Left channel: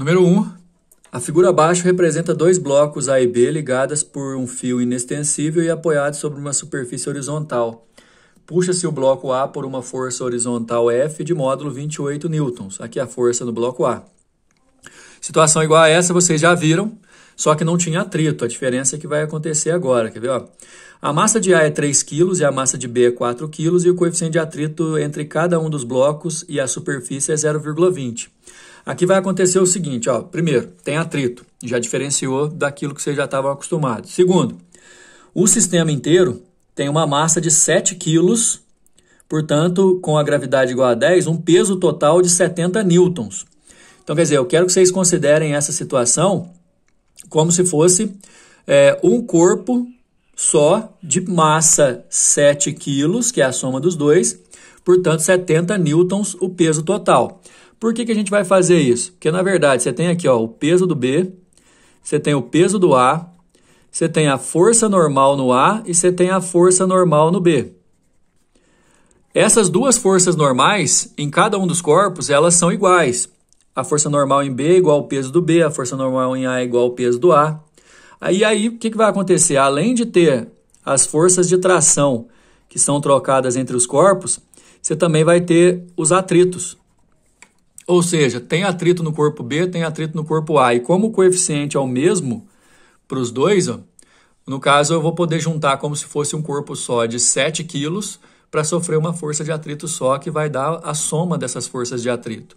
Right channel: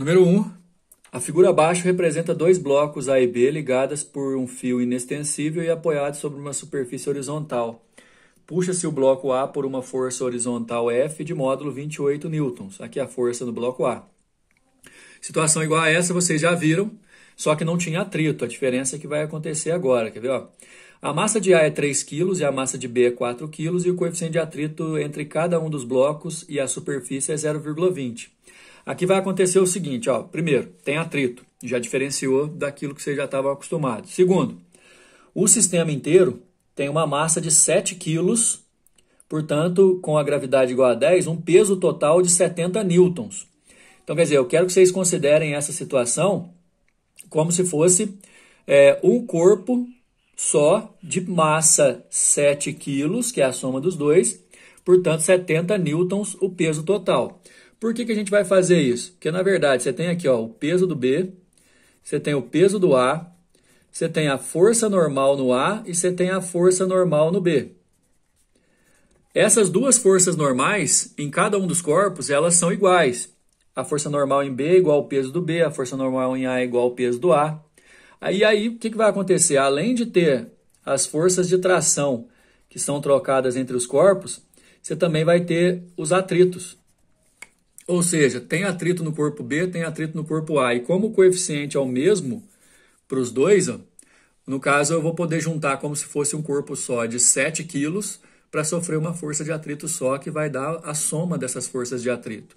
Número 1. A figura abaixo representa dois blocos A e B ligadas por um fio inextensível e apoiados sobre uma superfície horizontal. Puxa-se o bloco A por uma força horizontal F de módulo 28 newtons. Aqui a força no bloco A. Situação igual a essa vocês já viram, só que não tinha atrito. A diferença é que vai acontecer agora. Quer ver? Ó? A massa de A é 3 kg e a massa de B é 4 kg e o coeficiente de atrito entre cada um dos blocos e a superfície é 0,20. Aqui vai acontecer o seguinte, ó. Primeiro, tem atrito, já diferenciou daquilo que vocês já estavam acostumados. Segundo, o sistema inteiro tem uma massa de 7 kg, portanto, com a gravidade igual a 10, um peso total de 70 newtons. Então, quer dizer, eu quero que vocês considerem essa situação como se fosse um corpo só de massa 7 kg, que é a soma dos dois, portanto, 70 newtons o peso total. Por que a gente vai fazer isso? Porque, na verdade, você tem aqui ó, o peso do B, você tem o peso do A, você tem a força normal no A e você tem a força normal no B. Essas duas forças normais, em cada um dos corpos, elas são iguais. A força normal em B é igual ao peso do B, a força normal em A é igual ao peso do A. Aí o que vai acontecer? Além de ter as forças de tração que são trocadas entre os corpos, você também vai ter os atritos. Ou seja, tem atrito no corpo B, tem atrito no corpo A. E como o coeficiente é o mesmo para os dois, ó, no caso eu vou poder juntar como se fosse um corpo só de 7 kg para sofrer uma força de atrito só, que vai dar a soma dessas forças de atrito.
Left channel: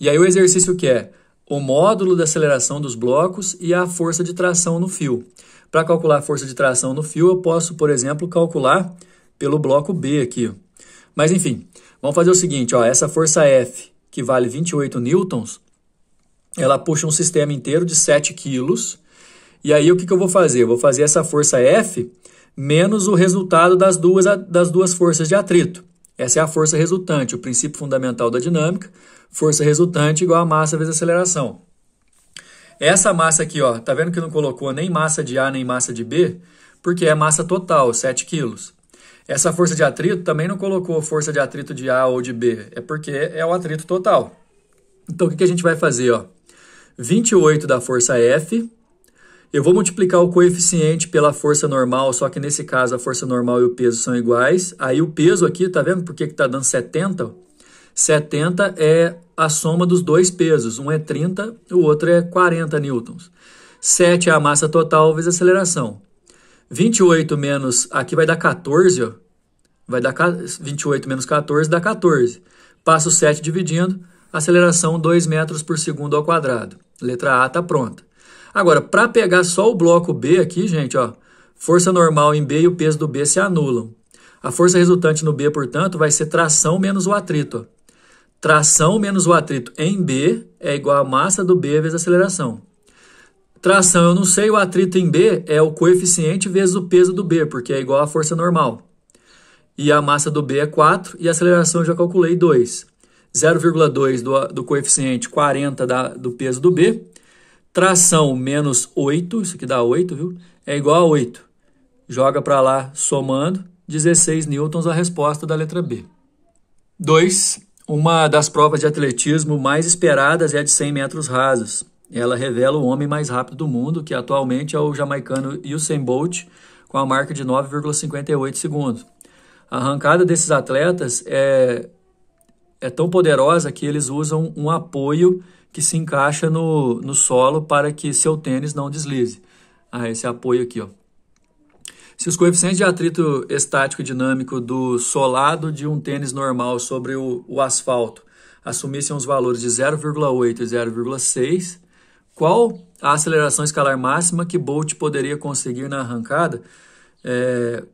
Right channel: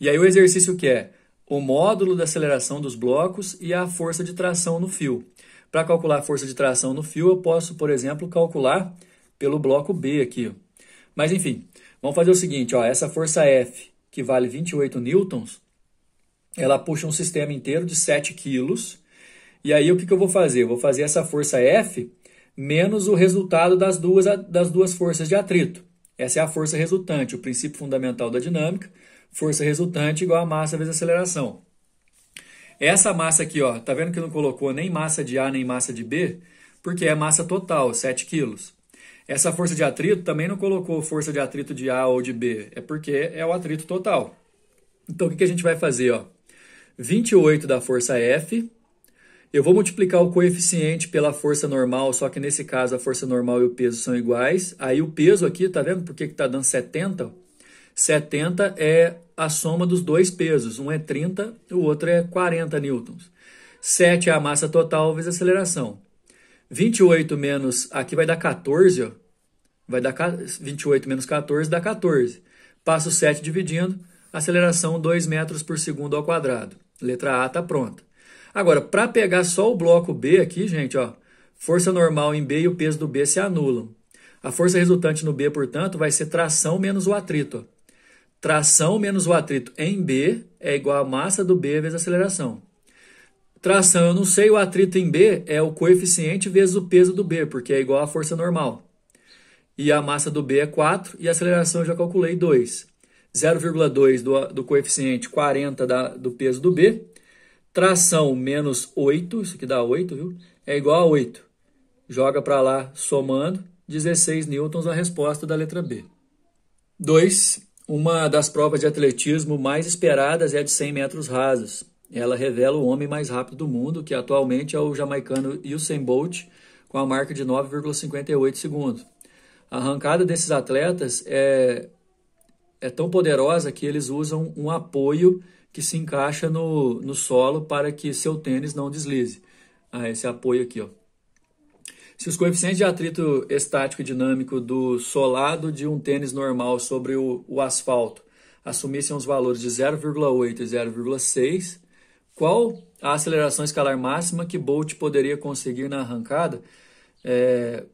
E aí o exercício que é o módulo da aceleração dos blocos e a força de tração no fio. Para calcular a força de tração no fio, eu posso, por exemplo, calcular pelo bloco B aqui. Ó. Mas enfim, vamos fazer o seguinte, ó, essa força F, que vale 28 newtons, ela puxa um sistema inteiro de 7 quilos. E aí o que eu vou fazer? Eu vou fazer essa força F menos o resultado das duas forças de atrito. Essa é a força resultante, o princípio fundamental da dinâmica. Força resultante igual a massa vezes aceleração. Essa massa aqui, ó, tá vendo que não colocou nem massa de A nem massa de B? Porque é massa total, 7 quilos. Essa força de atrito também não colocou força de atrito de A ou de B, é porque é o atrito total. Então, o que a gente vai fazer? Ó? 28 da força F, eu vou multiplicar o coeficiente pela força normal, só que nesse caso a força normal e o peso são iguais. Aí o peso aqui, tá vendo por que tá dando 70? 70 é a soma dos dois pesos, um é 30, o outro é 40 newtons. 7 é a massa total vezes a aceleração. 28 menos, aqui vai dar 14, ó. Vai dar 28 menos 14 dá 14. Passa o 7 dividindo, aceleração 2 metros por segundo ao quadrado. Letra A está pronta. Agora, para pegar só o bloco B aqui, gente, ó, força normal em B e o peso do B se anulam. A força resultante no B, portanto, vai ser tração menos o atrito. Ó. Tração menos o atrito em B é igual a massa do B vezes a aceleração. Tração, eu não sei, o atrito em B é o coeficiente vezes o peso do B, porque é igual à força normal. E a massa do B é 4 e a aceleração eu já calculei 2. 0,2 do coeficiente 40 do peso do B. Tração menos 8, isso aqui dá 8, viu? É igual a 8. Joga para lá, somando, 16 newtons a resposta da letra B. 2. Uma das provas de atletismo mais esperadas é a de 100 metros rasos. Ela revela o homem mais rápido do mundo, que atualmente é o jamaicano Usain Bolt, com a marca de 9,58 segundos. A arrancada desses atletas é tão poderosa que eles usam um apoio que se encaixa no solo para que seu tênis não deslize. Esse apoio aqui, ó. Se os coeficientes de atrito estático e dinâmico do solado de um tênis normal sobre o asfalto assumissem os valores de 0,8 e 0,6, qual a aceleração escalar máxima que Bolt poderia conseguir na arrancada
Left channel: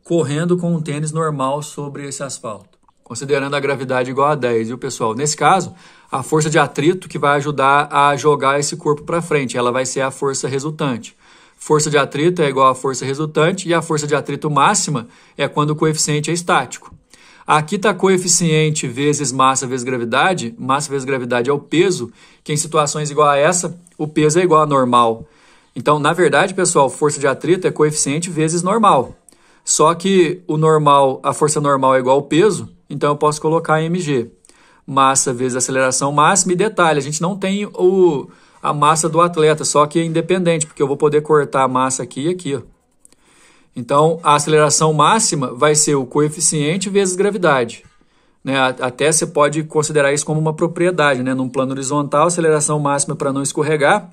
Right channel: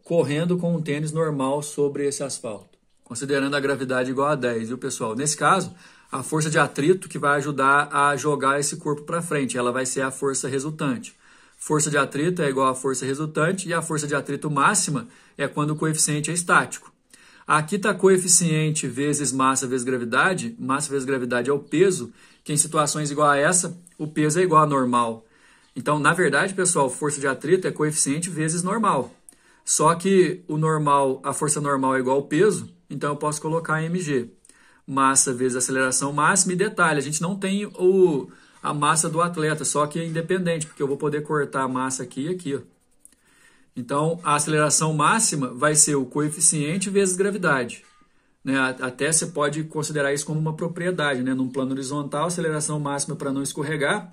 correndo com um tênis normal sobre esse asfalto? Considerando a gravidade igual a 10, viu, pessoal? Nesse caso, a força de atrito que vai ajudar a jogar esse corpo para frente, ela vai ser a força resultante. Força de atrito é igual à força resultante e a força de atrito máxima é quando o coeficiente é estático. Aqui está coeficiente vezes massa vezes gravidade. Massa vezes gravidade é o peso, que em situações igual a essa, o peso é igual a normal. Então, na verdade, pessoal, força de atrito é coeficiente vezes normal. Só que o normal, a força normal é igual ao peso, então eu posso colocar mg. Massa vezes aceleração máxima. E detalhe, a gente não tem a massa do atleta, só que é independente, porque eu vou poder cortar a massa aqui e aqui, ó. Então, a aceleração máxima vai ser o coeficiente vezes gravidade, né? Até você pode considerar isso como uma propriedade, né? Num plano horizontal, a aceleração máxima para não escorregar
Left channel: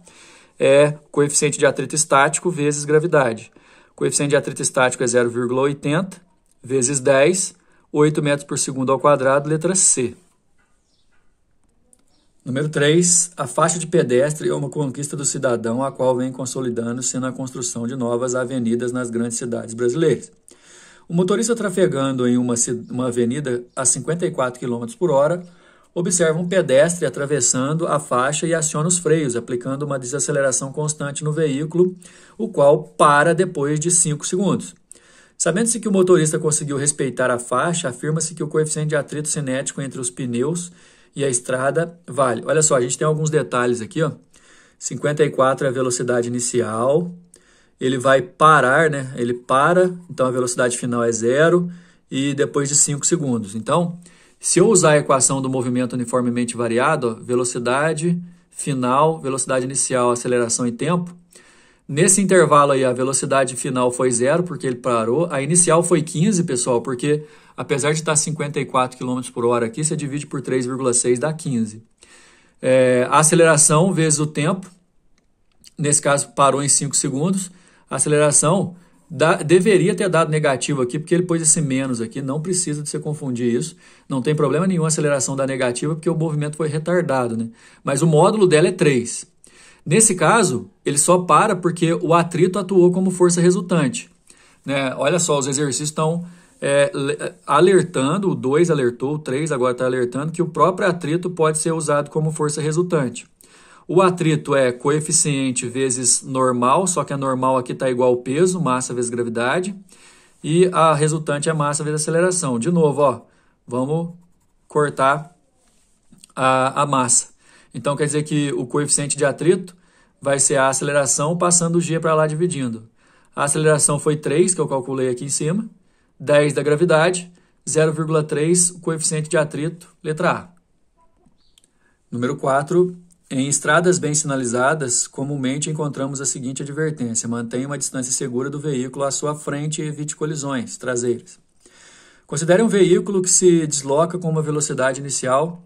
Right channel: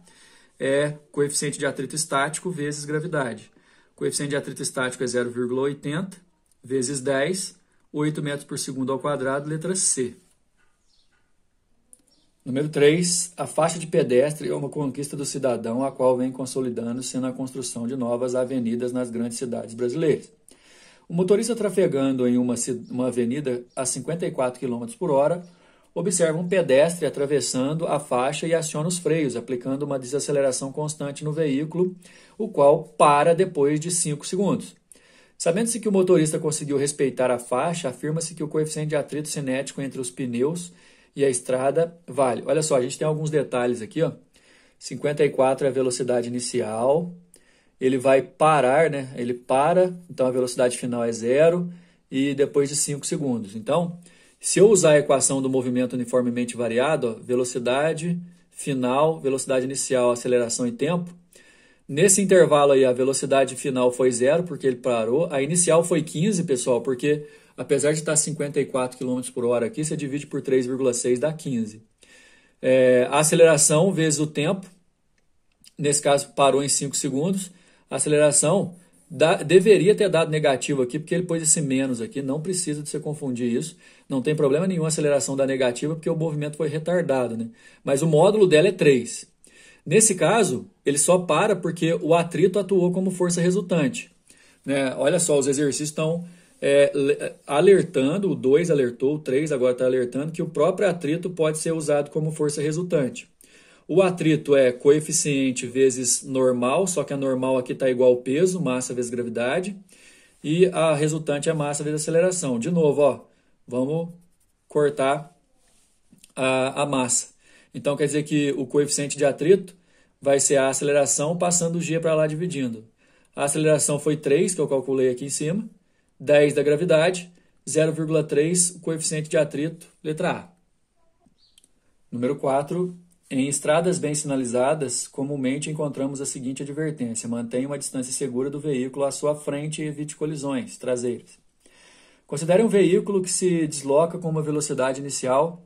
é coeficiente de atrito estático vezes gravidade. O coeficiente de atrito estático é 0,80 vezes 10, 8 metros por segundo ao quadrado, letra C. Número 3, a faixa de pedestre é uma conquista do cidadão, a qual vem consolidando-se na construção de novas avenidas nas grandes cidades brasileiras. O motorista trafegando em uma avenida a 54 km por hora observa um pedestre atravessando a faixa e aciona os freios, aplicando uma desaceleração constante no veículo, o qual para depois de 5 segundos. Sabendo-se que o motorista conseguiu respeitar a faixa, afirma-se que o coeficiente de atrito cinético entre os pneus e a estrada vale. Olha só, a gente tem alguns detalhes aqui, ó. 54 é a velocidade inicial. Ele vai parar, né? Ele para, então a velocidade final é 0 e depois de 5 segundos. Então, se eu usar a equação do movimento uniformemente variado, ó, velocidade final, velocidade inicial, aceleração e tempo, nesse intervalo aí a velocidade final foi 0 porque ele parou, a inicial foi 15, pessoal, porque apesar de estar 54 km por hora aqui, você divide por 3,6 dá 15. A aceleração vezes o tempo, nesse caso parou em 5 segundos, a aceleração deveria ter dado negativo aqui, porque ele pôs esse menos aqui, não precisa de você confundir isso, não tem problema nenhum a aceleração dar negativa, porque o movimento foi retardado, né? Mas o módulo dela é 3. Nesse caso, ele só para porque o atrito atuou como força resultante, né? Olha só, os exercícios estão alertando, o 2 alertou, o 3 agora está alertando que o próprio atrito pode ser usado como força resultante. O atrito é coeficiente vezes normal, só que a normal aqui está igual ao peso, massa vezes gravidade, e a resultante é massa vezes aceleração. De novo, ó, vamos cortar a massa. Então, quer dizer que o coeficiente de atrito vai ser a aceleração passando o G para lá dividindo. A aceleração foi 3, que eu calculei aqui em cima, 10 da gravidade, 0,3 o coeficiente de atrito, letra A. Número 4, em estradas bem sinalizadas, comumente encontramos a seguinte advertência: mantenha uma distância segura do veículo à sua frente e evite colisões traseiras. Considere um veículo que se desloca com uma velocidade inicial,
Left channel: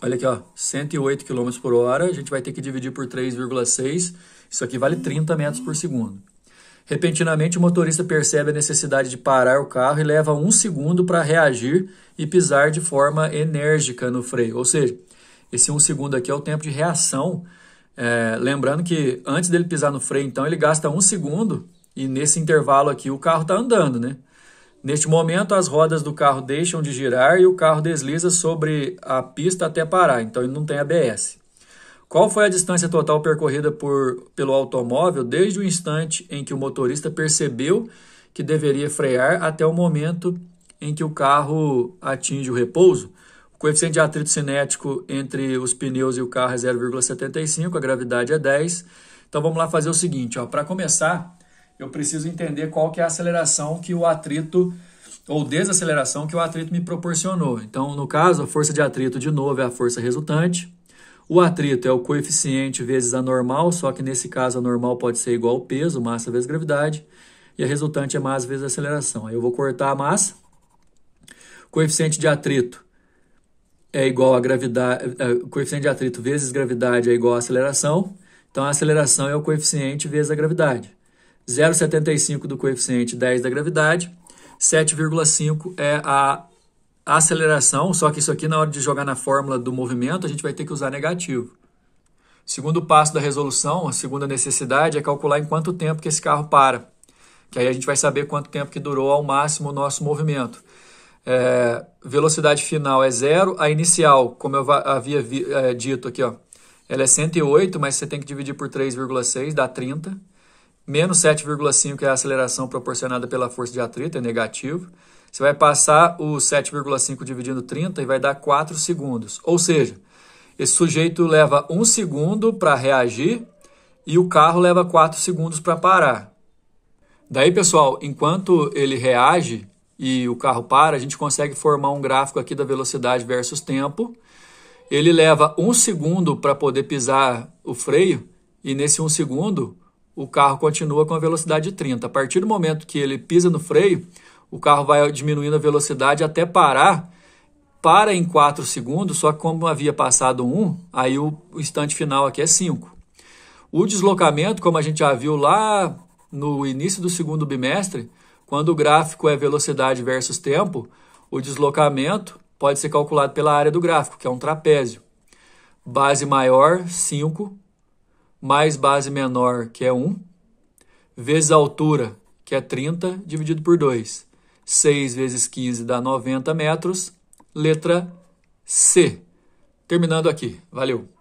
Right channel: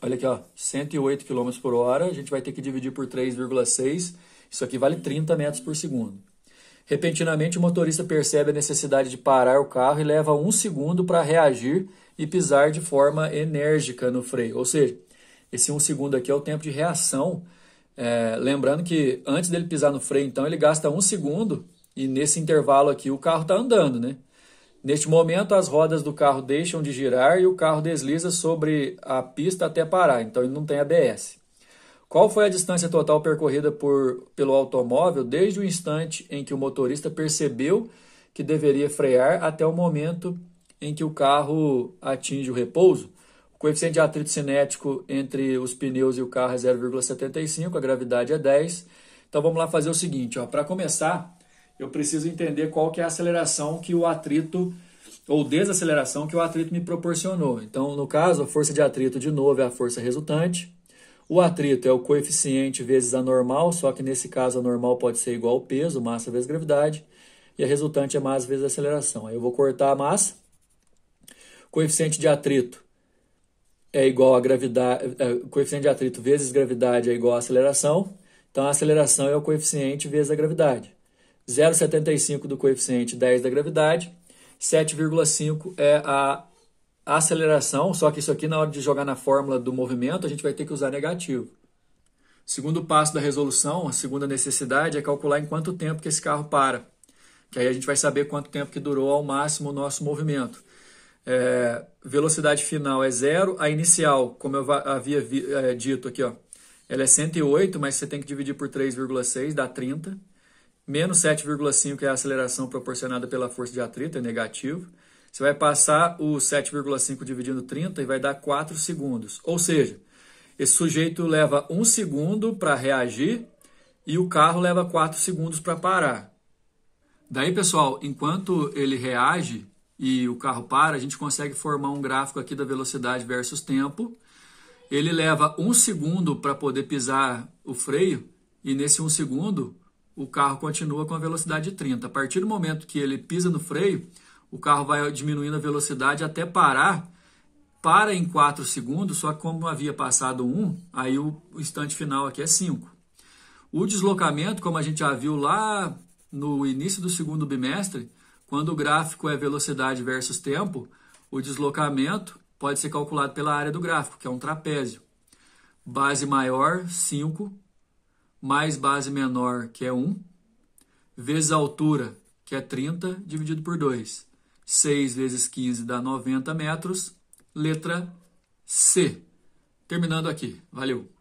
olha aqui, ó, 108 km por hora, a gente vai ter que dividir por 3,6, isso aqui vale 30 metros por segundo. Repentinamente, o motorista percebe a necessidade de parar o carro e leva 1 segundo para reagir e pisar de forma enérgica no freio. Ou seja, esse 1 segundo aqui é o tempo de reação. Lembrando que antes dele pisar no freio, então, ele gasta 1 segundo e nesse intervalo aqui o carro está andando, né? Neste momento, as rodas do carro deixam de girar e o carro desliza sobre a pista até parar. Então, ele não tem ABS. Qual foi a distância total percorrida pelo automóvel desde o instante em que o motorista percebeu que deveria frear até o momento em que o carro atinge o repouso? O coeficiente de atrito cinético entre os pneus e o carro é 0,75, a gravidade é 10. Então vamos lá fazer o seguinte, para começar, eu preciso entender qual que é a aceleração que o atrito, ou desaceleração que o atrito me proporcionou. Então, no caso, a força de atrito, de novo, é a força resultante. O atrito é o coeficiente vezes a normal, só que nesse caso a normal pode ser igual ao peso, massa vezes gravidade, e a resultante é massa vezes aceleração. Aí eu vou cortar a massa. O coeficiente de atrito é igual a gravidade, o coeficiente de atrito vezes gravidade é igual a aceleração. Então a aceleração é o coeficiente vezes a gravidade. 0,75 do coeficiente, 10 da gravidade. 7,5 é a aceleração, só que isso aqui na hora de jogar na fórmula do movimento a gente vai ter que usar negativo. Segundo passo da resolução, a segunda necessidade é calcular em quanto tempo que esse carro para. Que aí a gente vai saber quanto tempo que durou ao máximo o nosso movimento. Velocidade final é 0, a inicial, como eu havia dito aqui, ó, ela é 108, mas você tem que dividir por 3,6, dá 30. Menos 7,5 é a aceleração proporcionada pela força de atrito, é negativo. Você vai passar o 7,5 dividindo 30 e vai dar 4 segundos. Ou seja, esse sujeito leva 1 segundo para reagir e o carro leva 4 segundos para parar. Daí, pessoal, enquanto ele reage e o carro para, a gente consegue formar um gráfico aqui da velocidade versus tempo. Ele leva 1 segundo para poder pisar o freio e nesse 1 segundo o carro continua com a velocidade de 30. A partir do momento que ele pisa no freio, o carro vai diminuindo a velocidade até parar. Para em 4 segundos, só que como havia passado 1, aí o instante final aqui é 5. O deslocamento, como a gente já viu lá no início do segundo bimestre, quando o gráfico é velocidade versus tempo, o deslocamento pode ser calculado pela área do gráfico, que é um trapézio. Base maior, 5, mais base menor, que é 1, vezes a altura, que é 30, dividido por 2. 6 vezes 15 dá 90 metros. Letra C. Terminando aqui. Valeu!